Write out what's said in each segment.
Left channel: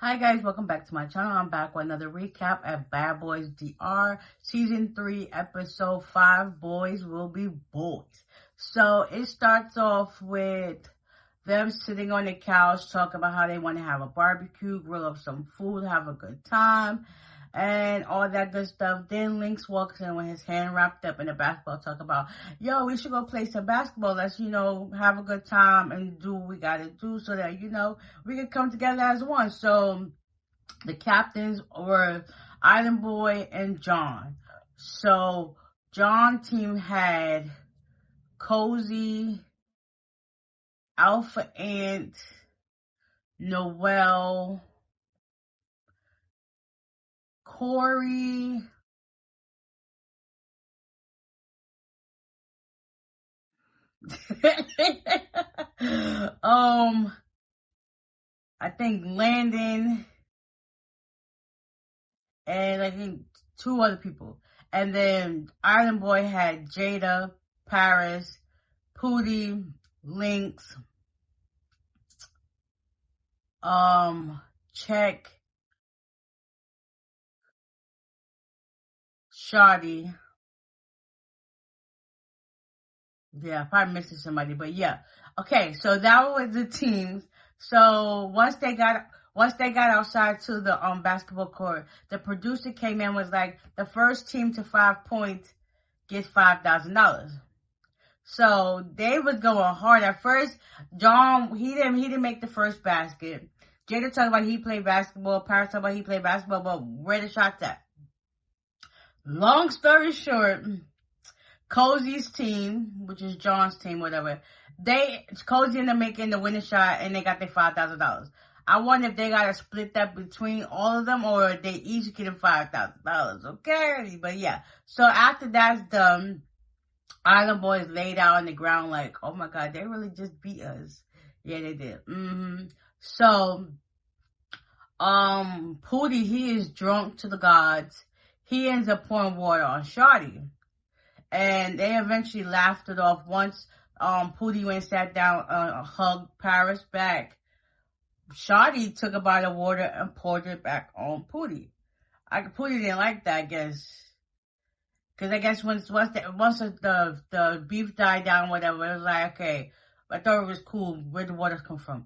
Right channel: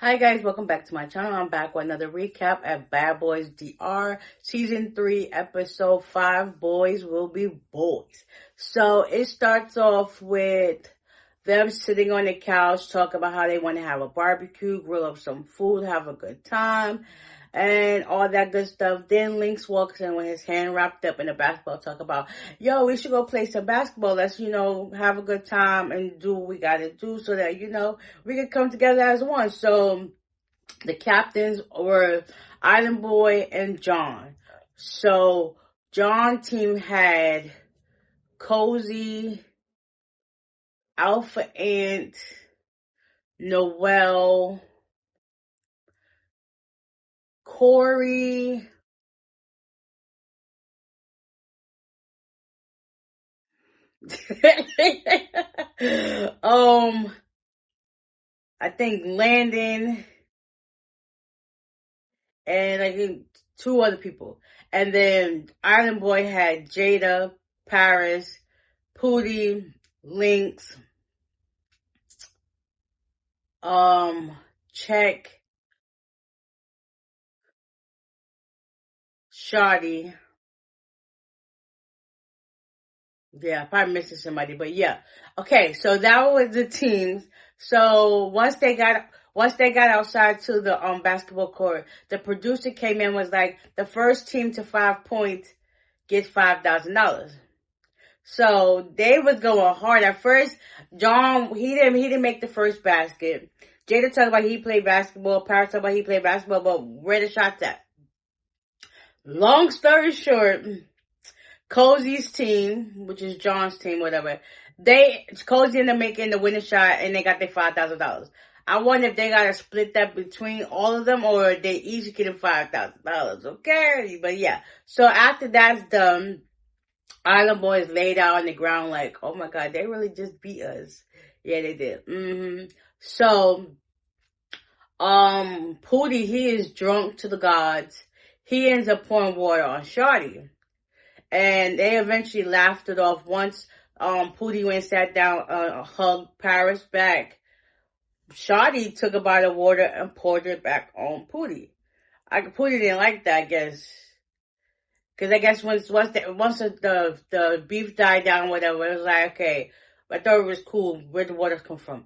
Hi guys, welcome back to my channel. I'm back with another recap at Bad Boys DR Season 3, Episode 5, Boys Will Be Boys. So it starts off with them sitting on the couch, talking about how they want to have a barbecue, grill up some food, have a good time, and all that good stuff. Then Lynx walks in with his hand wrapped up in a basketball, talk about, yo, we should go play some basketball. Let's, have a good time and do what we got to do so that, we can come together as one. So the captains were Island Boy and John. So John team had Cozy, Alpha Ant, Noel, Corey, I think Landon, and I think two other people. And then Island Boy had Jada, Paris, Pootie, Lynx, Check, Shoddy. Yeah, probably missing somebody, but yeah. Okay, so that was the teams. So once they got outside to the basketball court, the producer came in, was like, the first team to 5 points gets $5,000. So they was going hard at first. John, he didn't make the first basket. Jada talked about he played basketball. Paris talked about he played basketball, but where the shots at? Long story short, Cozy's team, which is John's team, whatever, Cozy ended up making the winning shot and they got their $5,000. I wonder if they gotta split that between all of them or they each getting $5,000. Okay, but yeah. So after that's done, Island Boys laid out on the ground like, oh my God, they really just beat us. Yeah, they did. So, Pootie, he is drunk to the gods. He ends up pouring water on Shawty. And they eventually laughed it off once Pootie went and sat down, hugged Paris back. Shawty took a bottle of water and poured it back on Pootie. Pootie didn't like that, I guess. Because I guess once the beef died down, whatever, it was like, okay, I thought it was cool. Where'd the water come from?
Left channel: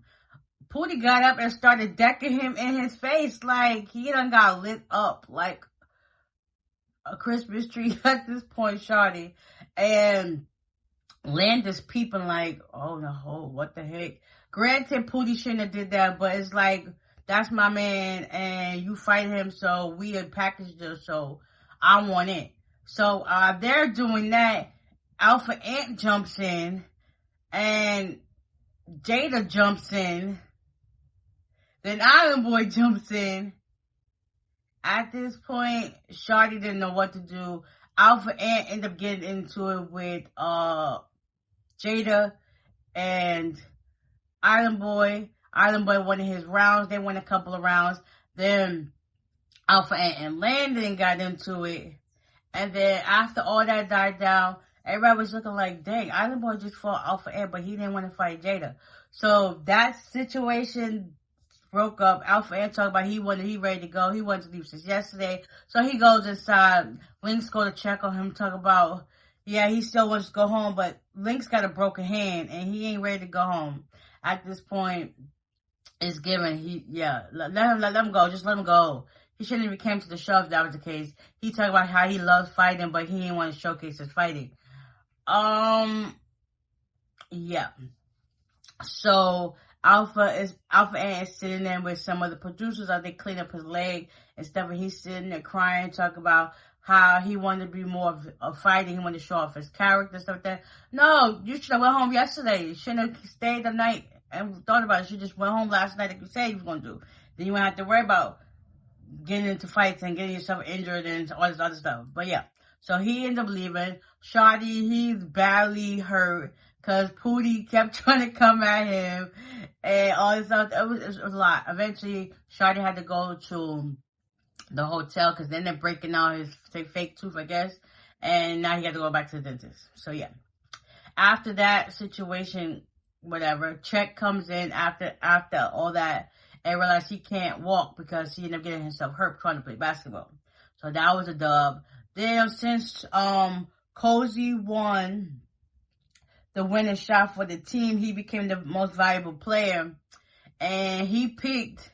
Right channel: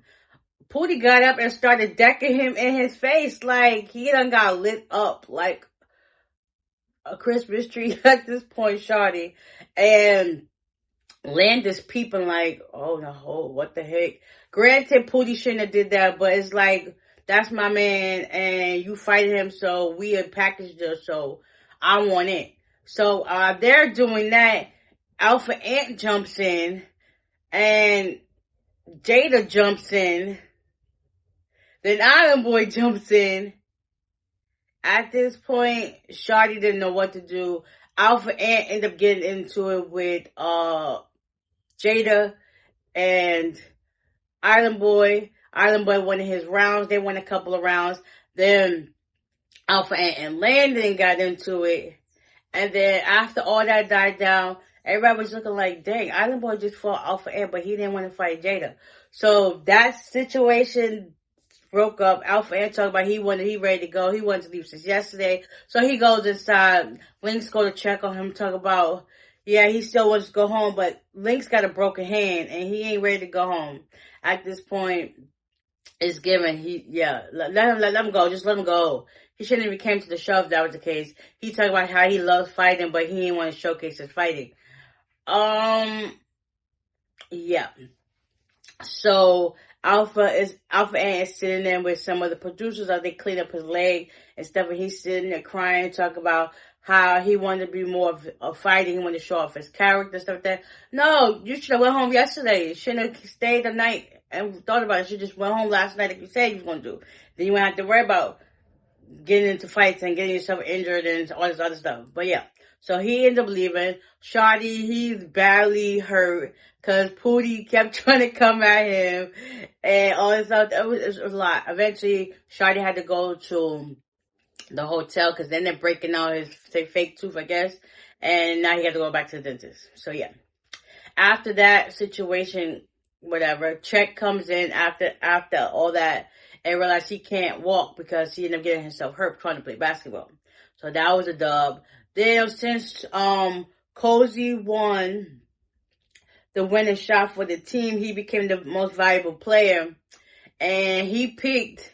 Pootie got up and started decking him in his face like he done got lit up like a Christmas tree at this point, Shawty. And Landis peeping like, oh no, what the heck? Granted, Pootie shouldn't have did that, but it's like, that's my man, and you fighting him, so we had packaged it, so I want it. So they're doing that. Alpha Ant jumps in, and Jada jumps in. Then Island Boy jumps in. At this point, Shawty didn't know what to do. Alpha Ant ended up getting into it with Jada and Island Boy. Island Boy won his rounds. They won a couple of rounds. Then Alpha Ant and Landon got into it. And then after all that died down, everybody was looking like, dang, Island Boy just fought Alpha Ant, but he didn't want to fight Jada. So that situation broke up. Alpha Ant talked about he ready to go. He wanted to leave since yesterday. So he goes inside. Lynx go to check on him, talk about, yeah, he still wants to go home, but Lynx got a broken hand and he ain't ready to go home. At this point, it's given. Let him go. Just let him go. He shouldn't even came to the show if that was the case. He talked about how he loves fighting, but he didn't want to showcase his fighting. Yeah. So Alpha Ant is sitting there with some of the producers as they clean up his leg and stuff, and he's sitting there crying, talk about how he wanted to be more of fighting. He wanted to show off his character, stuff like that. No, you should have went home yesterday. You shouldn't have stayed the night and thought about it. You just went home last night like you said you was going to do. Then you wouldn't have to worry about getting into fights and getting yourself injured and all this other stuff. But yeah, so he ended up leaving. Shawty, he's badly hurt because Pootie kept trying to come at him and all this stuff. It was a lot. Eventually, Shawty had to go to the hotel because then they're breaking out his fake tooth, I guess. And now he had to go back to the dentist. So yeah. After that situation, whatever, Check comes in after all that. and realized she can't walk because she ended up getting herself hurt trying to play basketball. So that was a dub. Then since Cozy won the winning shot for the team, he became the most valuable player. And he picked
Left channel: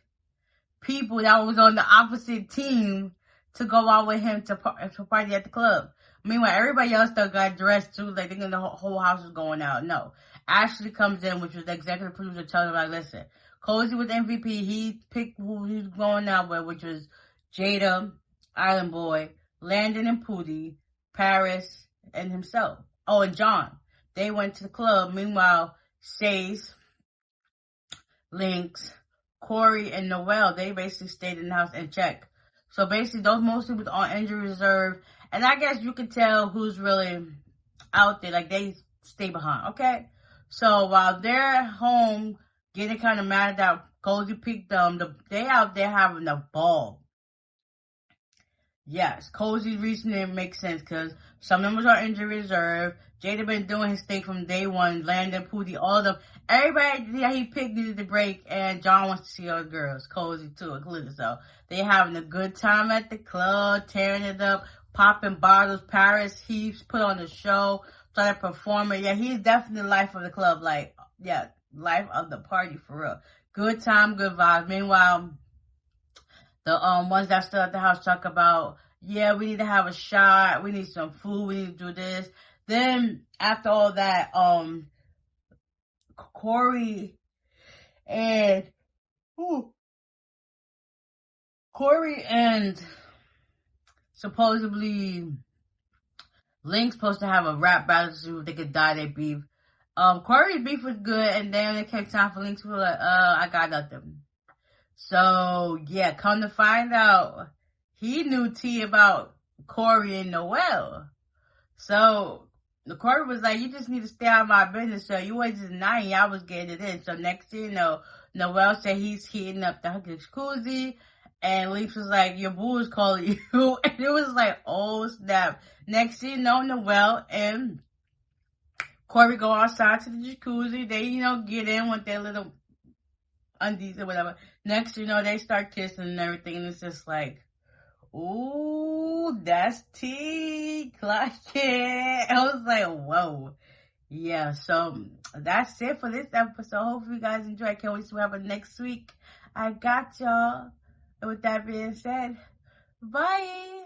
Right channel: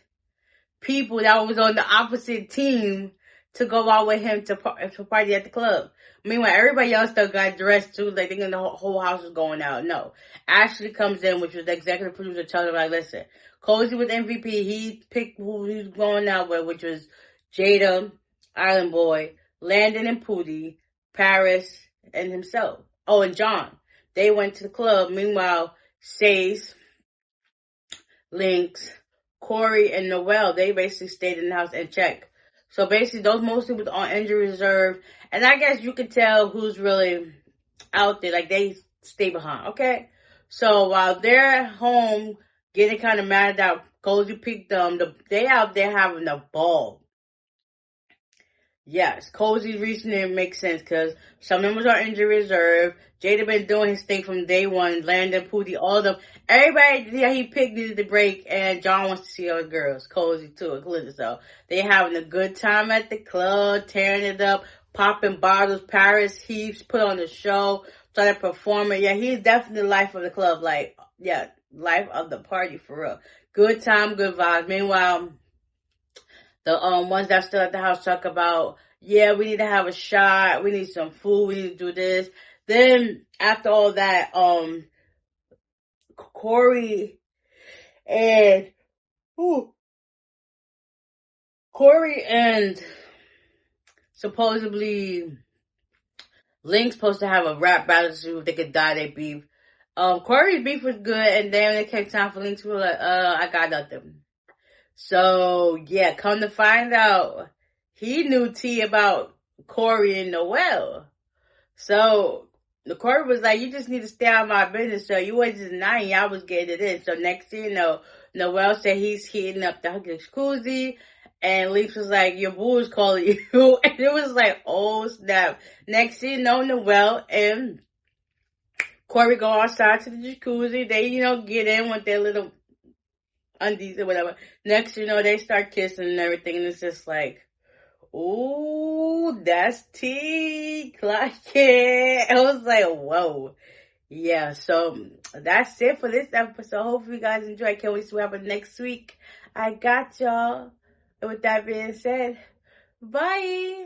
people that was on the opposite team to go out with him to party at the club. Meanwhile, everybody else still got dressed too, like thinking the whole house was going out. No. Ashley comes in, which was the executive producer, telling him, like, listen, Cozy was MVP. He picked who he was going out with, which was Jada, Island Boy, Landon and Pootie, Paris, and himself. Oh, and John. They went to the club. Meanwhile, Sace, Lynx, Corey, and Noel, they basically stayed in the house and checked. So basically, those mostly was on injury reserve. And I guess you could tell who's really out there. Like, they stay behind, okay? So while they're home getting kind of mad that Cozy picked them, they out there having a ball. Yes, Cozy's reasoning makes sense because some members are injury reserve. Jada been doing his thing from day one. Landon, Pootie, all of them. Everybody that he picked needed to break, and John wants to see other girls. Cozy too, included. So they having a good time at the club, tearing it up, popping bottles. Paris Heaps put on the show, started performing. Yeah, he's definitely the life of the club. Like, yeah, life of the party for real. Good time, good vibes. Meanwhile, the ones that still at the house talk about, yeah, we need to have a shot, we need some food, we need to do this. Then after all that, Corey and supposedly Link's supposed to have a rap battle to see if they could dye their beef. Corey's beef was good, and then when it came time for Link to be like, I got nothing. So yeah, come to find out, he knew tea about Corey and Noel. So the Corey was like, you just need to stay out of my business. So you wasn't denying I was getting it in. So next thing you know, Noel said he's heating up the jacuzzi. And Leaf was like, your boo is calling you. And it was like, oh snap. Next thing you know, Noel and Corey go outside to the jacuzzi. They, get in with their little undies or whatever. Next thing you know, they start kissing and everything. And it's just like, ooh, that's tea, clock it. I was like, whoa. Yeah, so that's it for this episode. Hopefully you guys enjoy. Can't wait to see what happens next week. I got y'all. And with that being said, bye.